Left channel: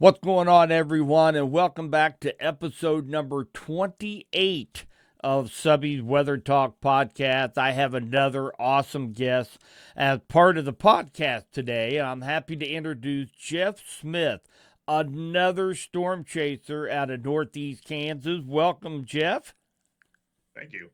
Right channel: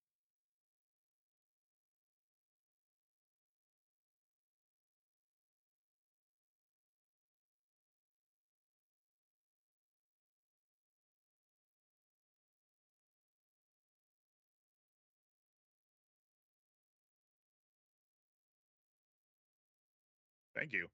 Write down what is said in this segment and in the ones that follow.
What's going on, everyone, and welcome back to episode number 28 of Subby's Weather Talk podcast. I have another awesome guest as part of the podcast today. I'm happy to introduce Jeff Smith, another storm chaser out of Northeast Kansas. Welcome, Jeff. Thank you.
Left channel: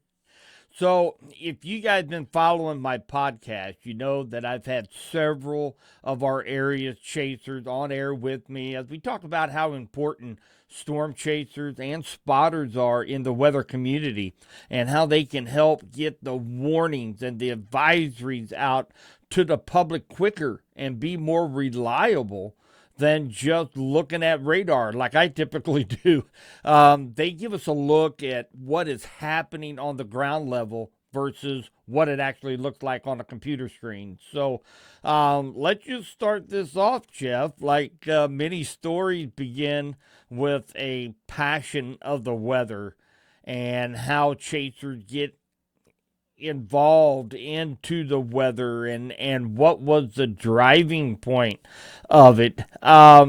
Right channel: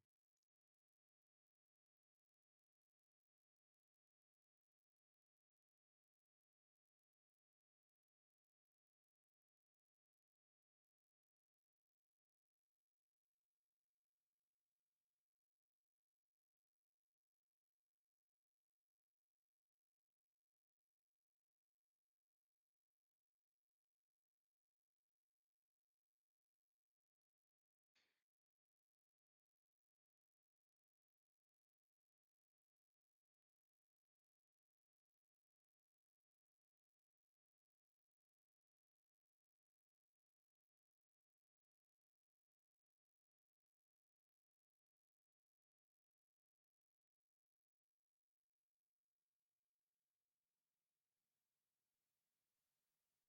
So, if you guys been following my podcast, you know that I've had several of our area chasers on air with me as we talk about how important storm chasers and spotters are in the weather community and how they can help get the warnings and the advisories out to the public quicker and be more reliable than just looking at radar like I typically do. They give us a look at what is happening on the ground level versus what it actually looks like on a computer screen. So let's just start this off, Jeff. Like many stories begin with a passion of the weather and how chasers get involved into the weather and what was the driving point of it. A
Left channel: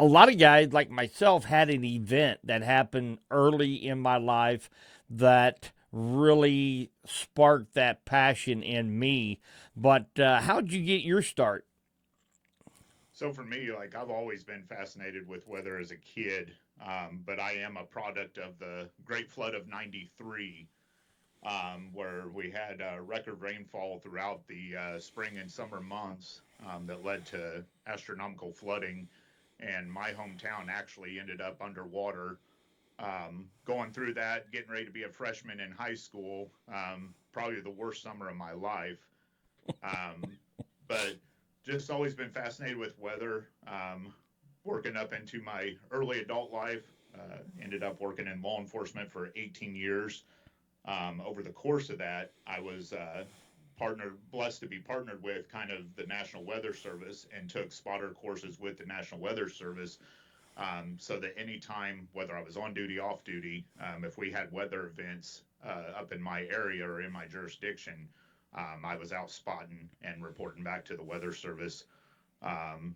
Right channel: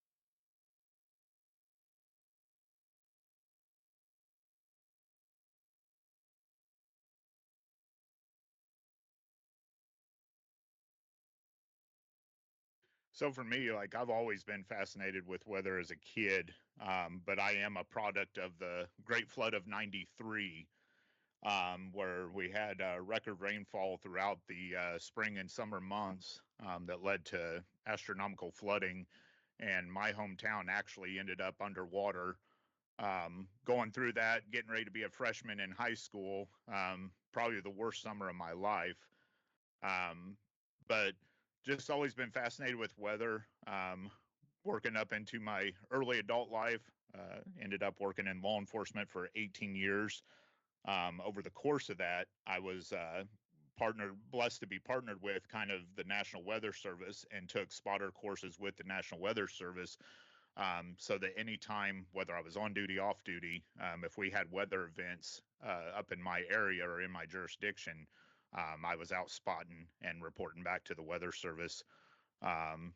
lot of guys like myself had an event that happened early in my life that really sparked that passion in me. But how'd you get your start? So for me, like I've always been fascinated with weather as a kid, but I am a product of the Great Flood of '93, where we had record rainfall throughout the spring and summer months that led to astronomical flooding, and my hometown actually ended up underwater. Going through that, getting ready to be a freshman in high school, probably the worst summer of my life. Um, but just always been fascinated with weather. Working up into my early adult life, ended up working in law enforcement for 18 years. Over the course of that, I was blessed to be partnered with kind of the National Weather Service and took spotter courses with the National Weather Service. So that anytime, whether I was on duty, off duty, if we had weather events up in my area or in my jurisdiction, I was out spotting and reporting back to the Weather Service. Um,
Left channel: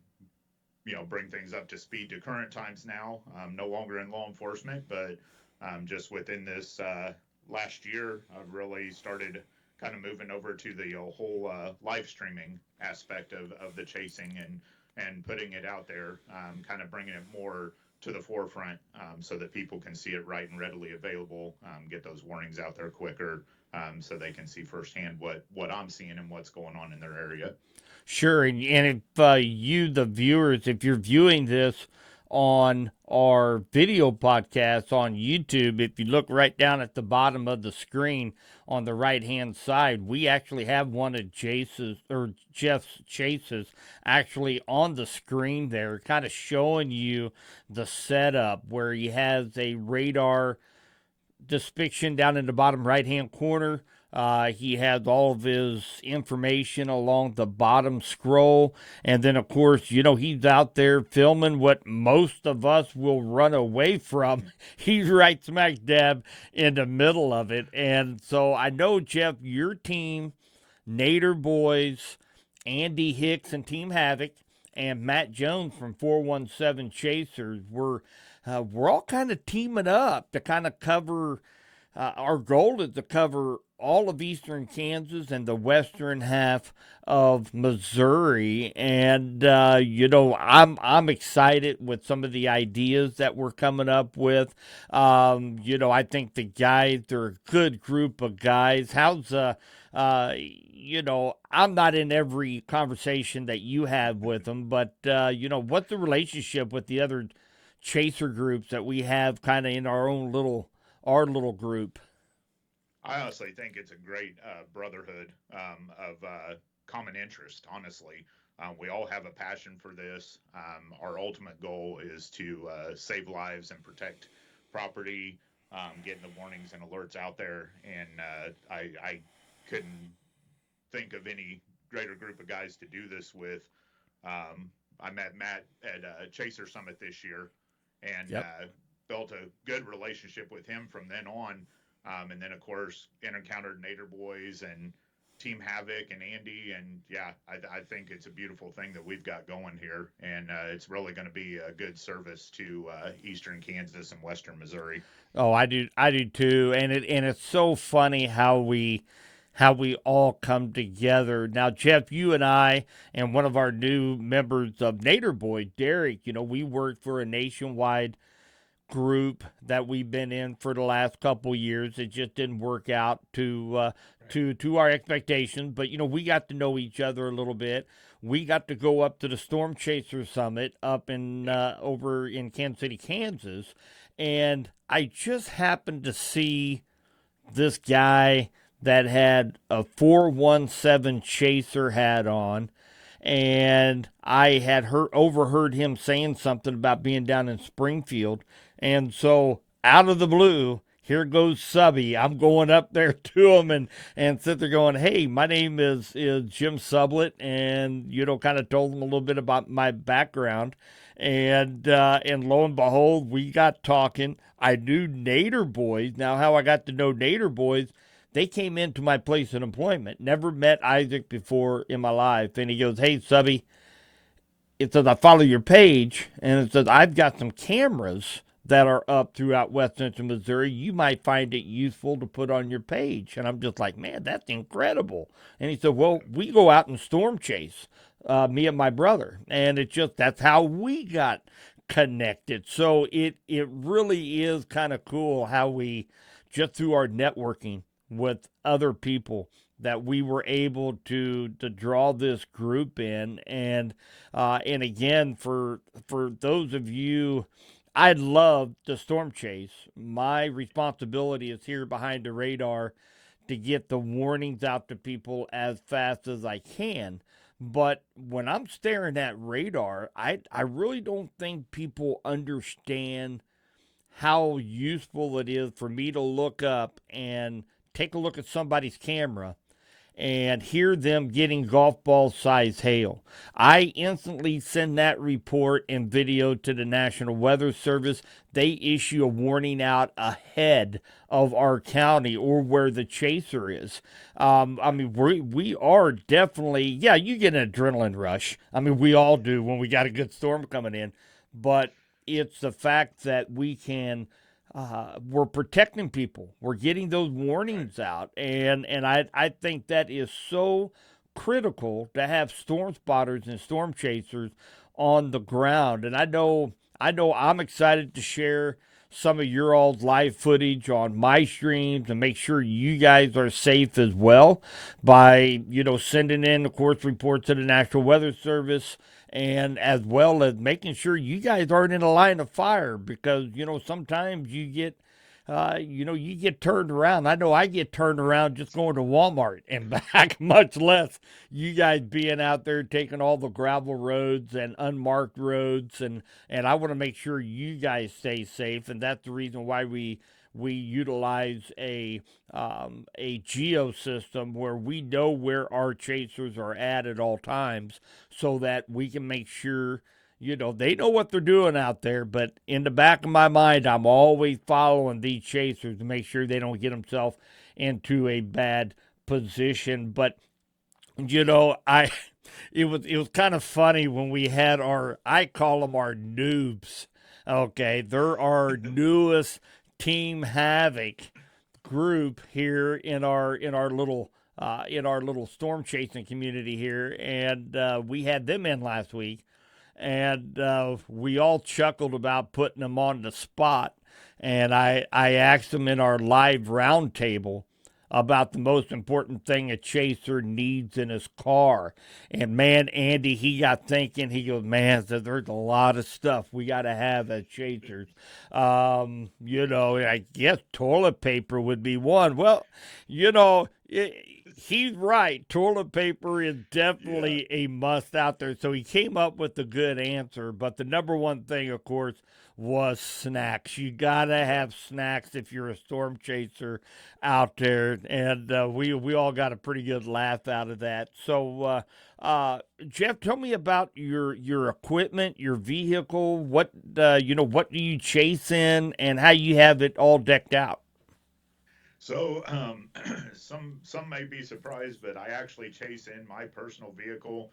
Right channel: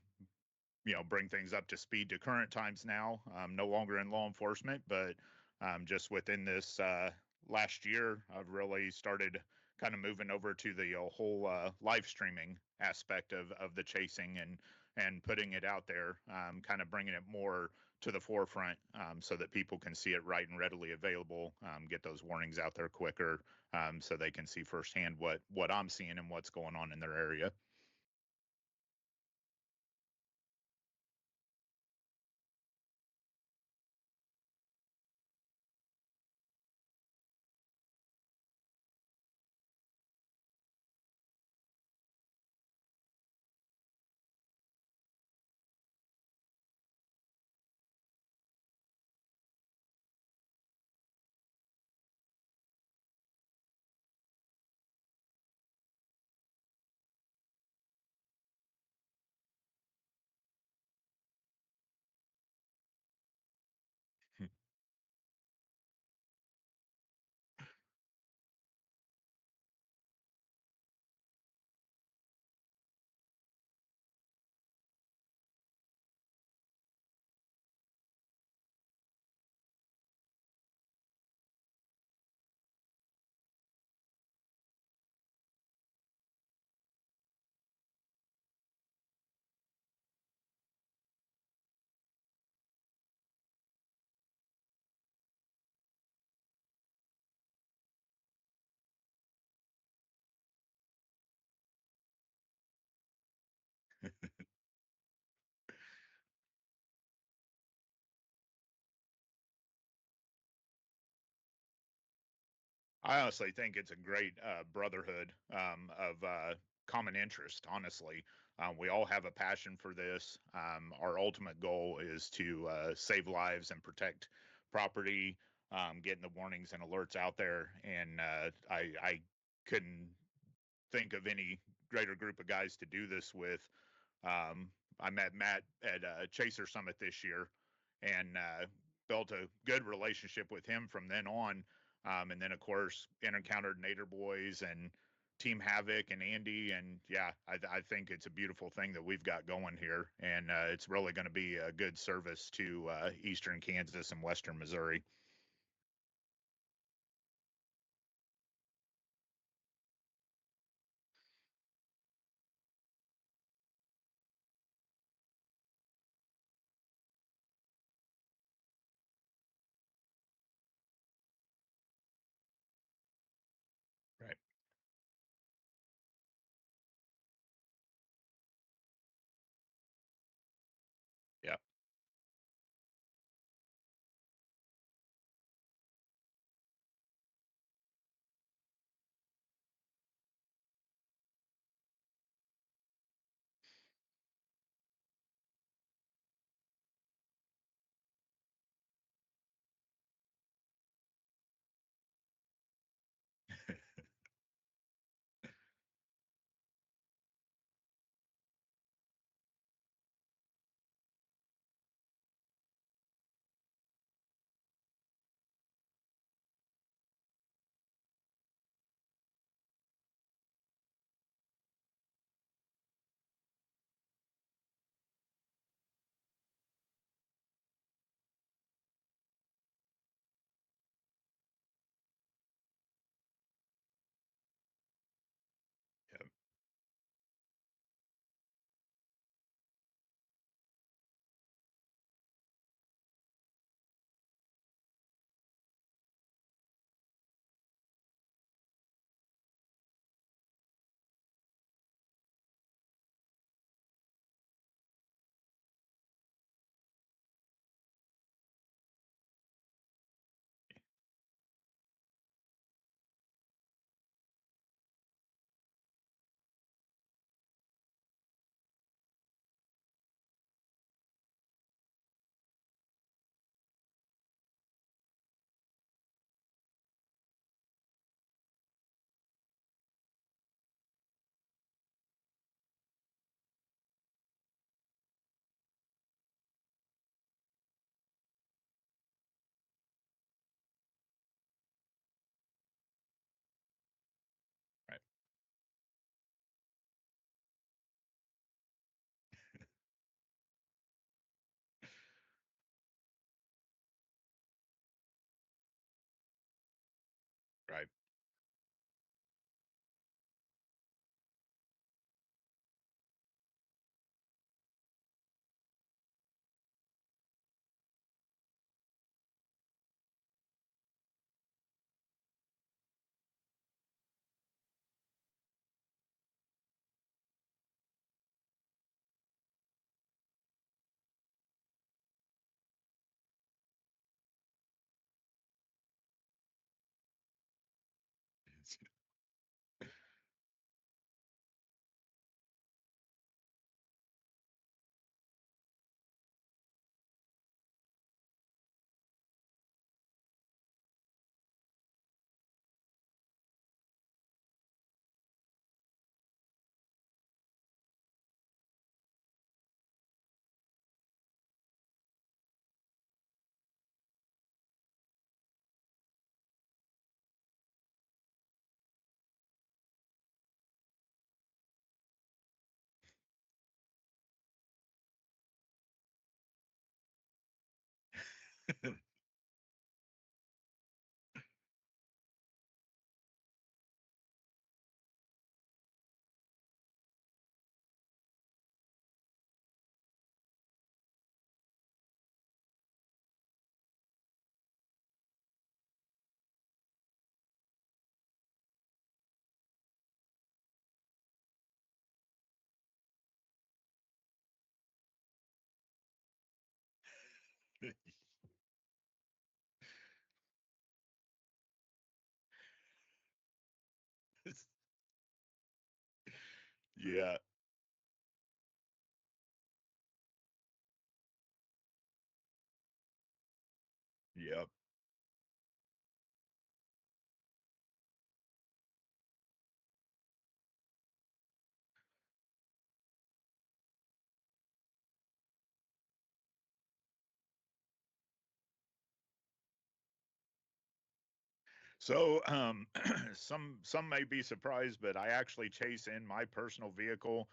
bring things up to speed to current times now. No longer in law enforcement, but just within this last year, I've really started kind of moving over to the whole live streaming aspect of the chasing and putting it out there, kind of bringing it more to the forefront so that people can see it right and readily available, get those warnings out there quicker so they can see firsthand what I'm seeing and what's going on in their area. Sure, and if you, the viewers, if you're viewing this on our video podcast on YouTube, if you look right down at the bottom of the screen on the right hand side, we actually have one of Jace's or Jeff's chases actually on the screen there, kind of showing you the setup where he has a radar depiction down in the bottom right hand corner. He has all of his information along the bottom scroll. And then, of course, he's out there filming what most of us will run away from. He's right smack dab in the middle of it. And so I know, Jeff, your team, Nader Boys, Andy Hicks and Team Havoc, and Matt Jones from 417 Chasers we're all kind of teaming up to kind of cover. Our goal is to cover all of eastern Kansas and the western half of Missouri, and I'm excited with some of the ideas that we're coming up with. I think the guys are a good group of guys. Uh, I'm not in every conversation that you have with them, but what's the relationship with the other chaser groups that we have kind of in our little group? I honestly think it's a great brotherhood of common interest. Honestly, we all have a passion for this. Our ultimate goal is to save lives and protect property, getting the warnings and alerts out there. And I couldn't think of any greater group of guys to do this with. I met Matt at Chaser Summit this year and Yep. built a good relationship with him from then on. And then, of course, encountered Nader Boys and Team Havoc and Andy, and yeah, I think it's a beautiful thing that we've got going here, and it's really going to be a good service to Eastern Kansas and Western Missouri. Oh, I do too. And it's so funny how we all come together. Now, Jeff, you and I and one of our new members of Nader Boy, Derek, we work for a nationwide group that we've been in for the last couple years. It just didn't work out Right. to our expectations, but we got to know each other a little bit. We got to go up to the Storm Chaser Summit up in Yep. over in Kansas City, Kansas, and I just happened to see this guy that had a 417 Chaser hat on, and I had overheard him saying something about being down in Springfield, and so out of the blue, here goes Subby. I'm going up there to him and sit there going, "Hey, my name is Jim Sublett," and kind of told him a little bit about my background, and lo and behold, we got talking. I knew Nader Boys. Now, how I got to know Nader Boys, they came into my place of employment. Never met Isaac before in my life. And he goes, "Hey, Subby," it says, "I follow your page." And it says, "I've got some cameras that are up throughout West Central Missouri. You might find it useful to put on your page." And I'm just like, "Man, that's incredible." And he said, "Well, we go out and storm chase, me and my brother." And that's how we got connected. So it really is kind of cool how we, just through our networking with other people, that we were able to draw this group in. And again, for those of you, I love the storm chase. My responsibility is here behind the radar to get the warnings out to people as fast as I can. But when I'm staring at radar, I really don't think people understand how useful it is for me to look up and take a look at somebody's camera and hear them getting golf ball size hail. I instantly send that report and video to the National Weather Service. They issue a warning out ahead of our county or where the chaser is. I mean, we are definitely, yeah, you get an adrenaline rush. I mean, we all do when we got a good storm coming in, but it's the fact that we're protecting people. We're getting those Right. warnings out, and I think that is so critical to have storm spotters and storm chasers on the ground. And I know I'm excited to share some of your all's live footage on my streams and make sure you guys are safe as well by sending in, of course, reports to the National Weather Service, and as well as making sure you guys aren't in a line of fire, because sometimes you get turned around. I know I get turned around just going to Walmart and back, much less you guys being out there taking all the gravel roads and unmarked roads, and I want to make sure you guys stay safe, and that's the reason why we utilize a geo system where we know where our chasers are at all times, so that we can make sure they know what they're doing out there. But in the back of my mind, I'm always following these chasers to make sure they don't get themselves into a bad position. But I it was kind of funny when we had I call them our noobs. Okay, they're our newest Team Havoc group here in our little storm chasing community here, and we had them in last week, and we all chuckled about putting them on the spot. And I asked them in our live roundtable about the most important thing a chaser needs in his car. And man, Andy, he got thinking. He goes, "Man, there's a lot of stuff we got to have as chasers. I guess toilet paper would be one." Well, he's right. Toilet paper is Yeah. definitely a must out there. So he came up with a good answer. But the number one thing, of course, was snacks. You gotta Yep. have snacks if you're a storm chaser out there, and we all got a pretty good laugh out of that. So, Jeff, tell me about your equipment, your vehicle. What do you chase in, and how you have it all decked out? So, some may be surprised, but I actually chase in my personal vehicle.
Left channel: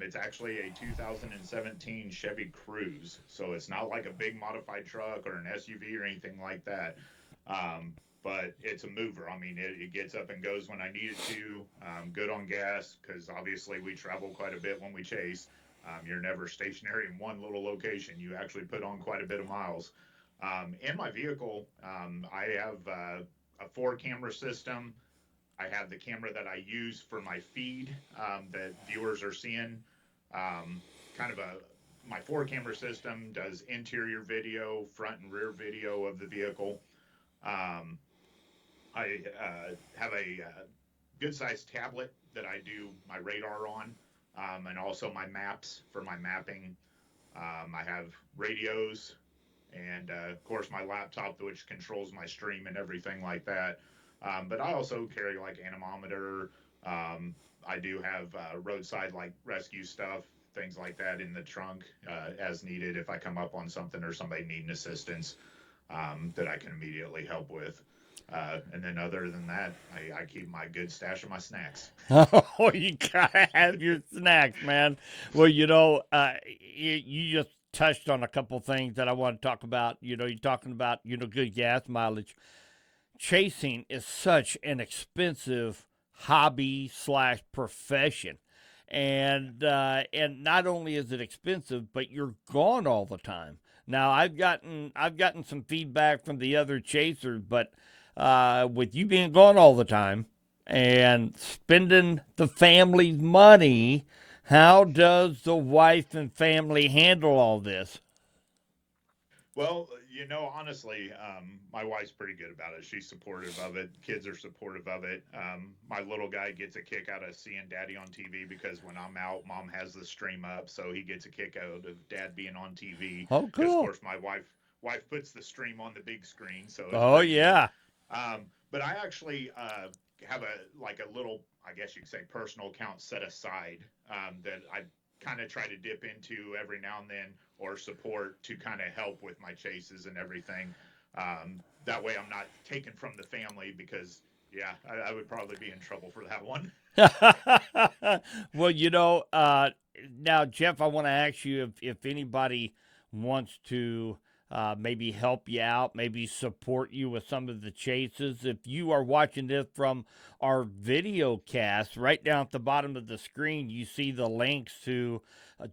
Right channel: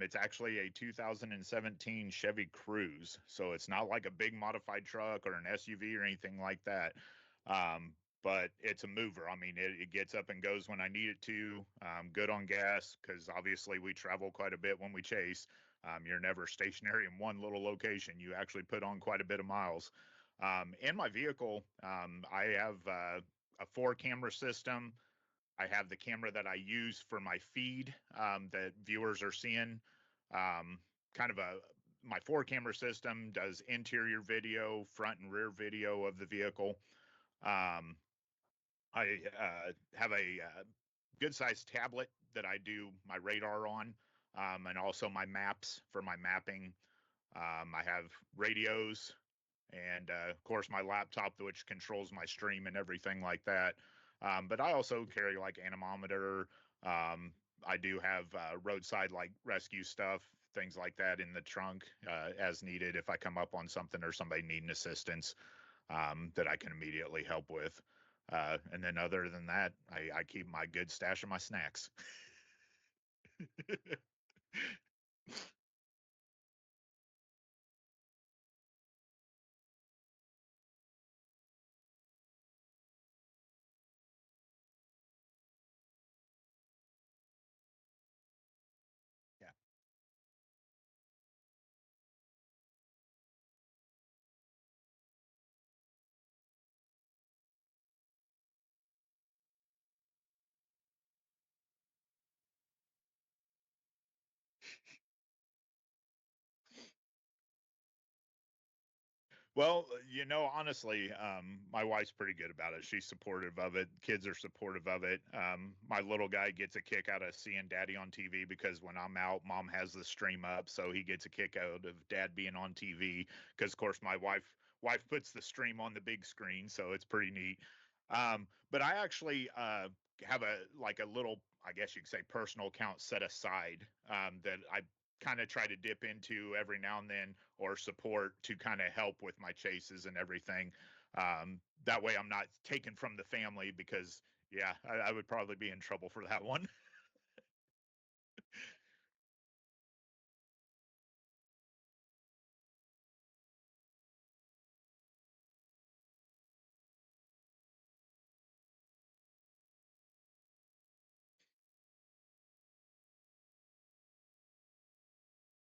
It's actually a 2017 Chevy Cruze, so it's not like a big modified truck or an SUV or anything like that. Um, but it's a mover. I mean, it gets up and goes when I need it to. Good on gas because obviously we travel quite a bit when we chase. You're never stationary in one little location. You actually put on quite a bit of miles. In my vehicle, I have a four camera system. I have the camera that I use for my feed that viewers are seeing. Um, kind of a My four camera system does interior video, front and rear video of the vehicle. Um, I have a good sized tablet that I do my radar on, and also my maps for my mapping. I have radios and of course my laptop, which controls my stream and everything like that. But I also carry like anemometer. I do have roadside like rescue stuff, things like that in the trunk as needed if I come up on something or somebody needing assistance that I can immediately help with. And then other than that, I keep my good stash of my snacks. Oh, you gotta have your snacks, man. Well, you just touched on a couple things that I want to talk about. You're talking about, good gas mileage. Chasing is such an expensive hobby slash profession. And not only is it expensive, but you're gone all the time. Now I've gotten some feedback from the other chasers, but with you being gone all the time and spending the family's money, how does the wife and family handle all this? Well, honestly, my wife's pretty good about it. She's supportive of it. Kids are supportive of it. My little guy gets a kick out of seeing daddy on TV because when I'm out, mom has the stream up, so he gets a kick out of dad being on TV. Oh, Because of cool. course my wife puts the stream on the big screen, so it's Oh, pretty neat. yeah. But I actually have a little, I guess you could say, personal account set aside that I kind of try to dip into every now and then or support to kind of help with my chases and everything. That way I'm not taken from the family because, yeah, I would probably be in trouble for that one. Well, now, Jeff, I want to ask you if anybody wants to maybe help you out, maybe support you with some of the chases. If you are watching this from our video cast, right down at the bottom of the screen, you see the links to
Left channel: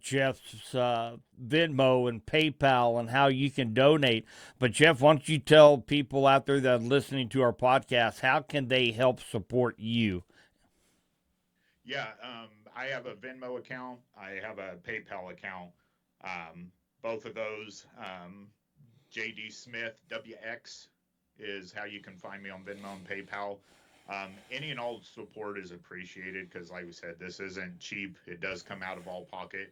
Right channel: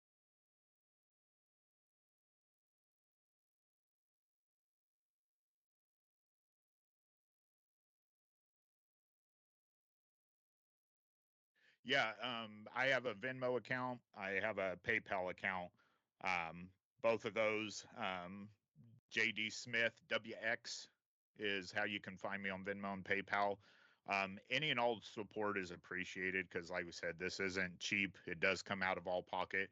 Jeff's Venmo and PayPal and how you can donate. But, Jeff, why don't you tell people out there that are listening to our podcast, how can they help support you? Yeah, I have a Venmo account. I have a PayPal account. Um, Both of those, JD Smith WX is how you can find me on Venmo and PayPal. Any and all support is appreciated because, like we said, this isn't cheap. It does come out of all pocket,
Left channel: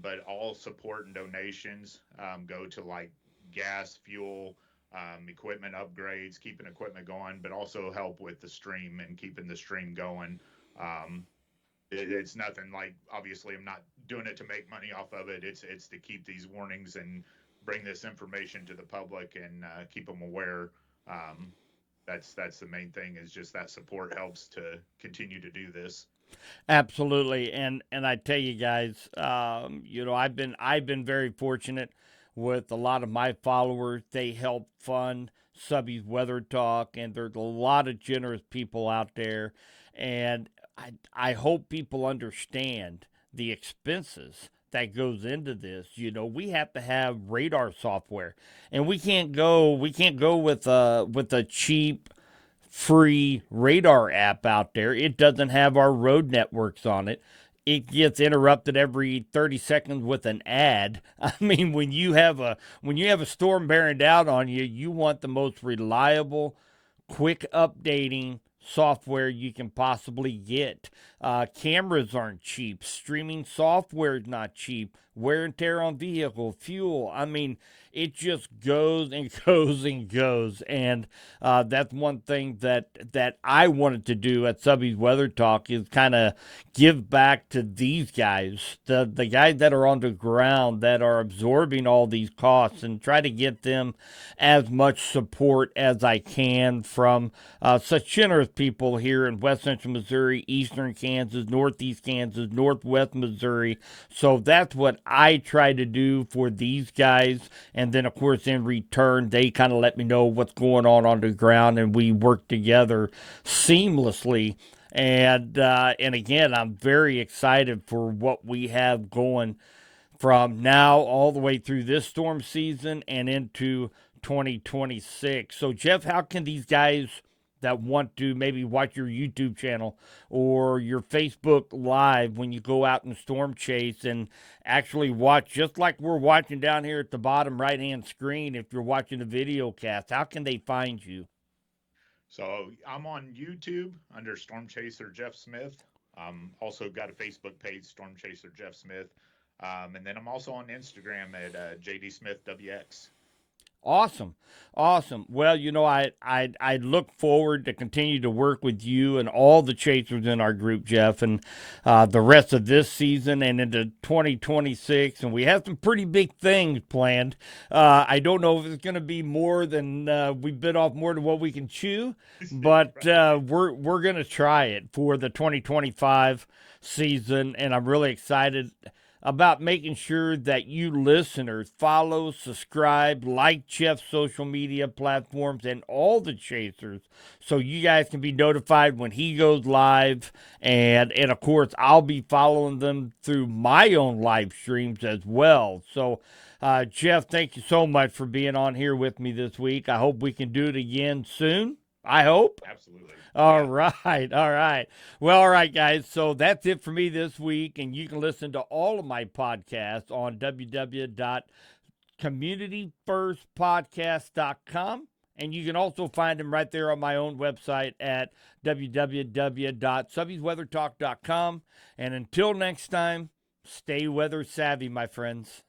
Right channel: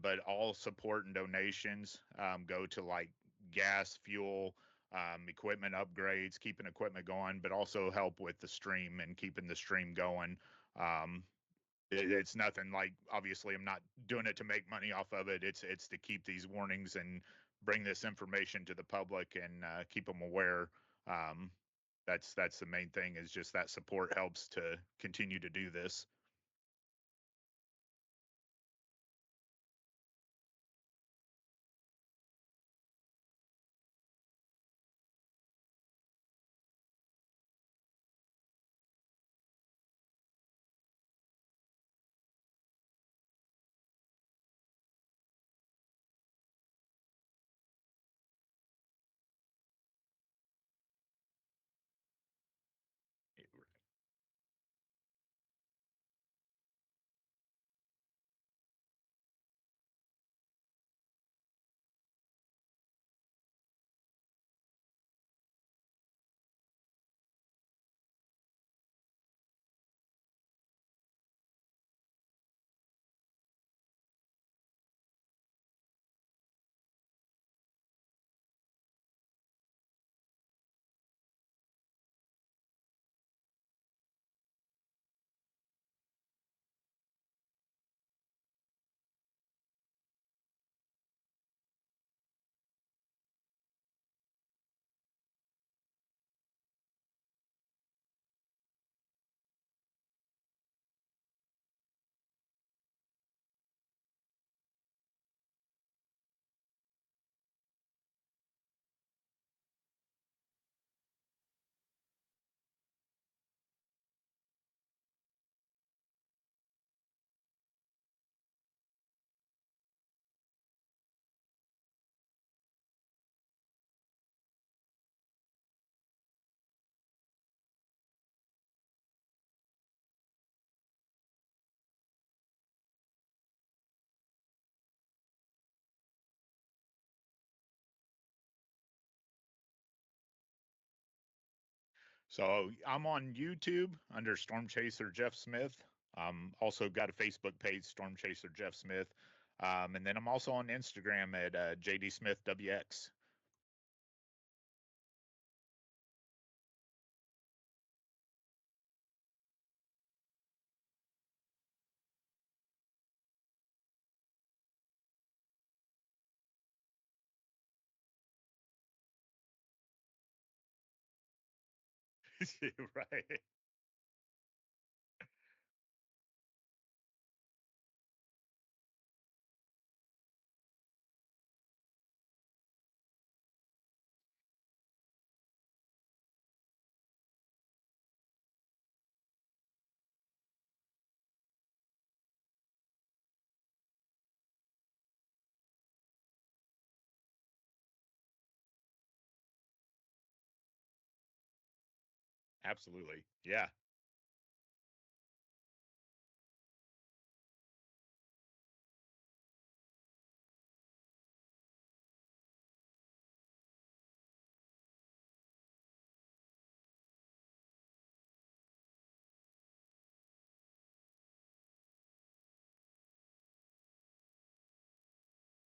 but all support and donations go to like gas, fuel, equipment upgrades, keeping equipment going, but also help with the stream and keeping the stream going. Um, it's nothing like, obviously I'm not doing it to make money off of it. It's to keep these warnings and bring this information to the public and keep them aware. Um, that's the main thing, is just that support helps to continue to do this. Absolutely, and I tell you guys, I've been very fortunate with a lot of my followers. They help fund Subby's Weather Talk, and there's a lot of generous people out there, and I hope people understand the expenses that goes into this. We have to have radar software, and we can't go with a cheap free radar app out there. It doesn't have our road networks on it. It gets interrupted every 30 seconds with an ad. I mean, when you have a storm bearing down on you, you want the most reliable, quick updating software you can possibly get. Cameras aren't cheap. Streaming software is not cheap. Wear and tear on vehicle, fuel. I mean, it just goes and goes and goes. And that's one thing that I wanted to do at Subby's Weather Talk is kind of give back to these guys, the guys that are on the ground that are absorbing all these costs, and try to get them as much support as I can from such generous people here in West Central Missouri, Eastern Kansas, Northeast Kansas, Northwest Missouri. So that's what I try to do for these guys. And then, of course, in return, they kind of let me know what's going on the ground, and we work together seamlessly. And again, I'm very excited for what we have going from now all the way through this storm season and into 2026. So, Jeff, how can these guys that want to maybe watch your YouTube channel or your Facebook Live when you go out and storm chase and actually watch, just like we're watching down here at the bottom right hand screen, if you're watching the video cast, how can they find you? So I'm on YouTube under Storm Chaser Jeff Smith. Also got a Facebook page, Storm Chaser Jeff Smith. And then I'm also on Instagram at JD Smith WX. Awesome. Awesome. Well, I look forward to continue to work with you and all the chasers in our group, Jeff, and the rest of this season and into 2026. And we have some pretty big things planned. I don't know if it's going to be more than we bit off more than what we can chew, but Right. we're going to try it for the 2025 season, and I'm really excited about making sure that you listeners follow, subscribe, like Jeff's social media platforms and all the chasers so you guys can be notified when he goes live. And of course, I'll be following them through my own live streams as well. So, Jeff, thank you so much for being on here with me this week. I hope we can do it again soon. I hope. Absolutely. All Yeah. right. All right. Well, all right, guys. So that's it for me this week. And you can listen to all of my podcasts on www.communityfirstpodcast.com. And you can also find them right there on my own website at www.subbysweathertalk.com. And until next time, stay weather savvy, my friends.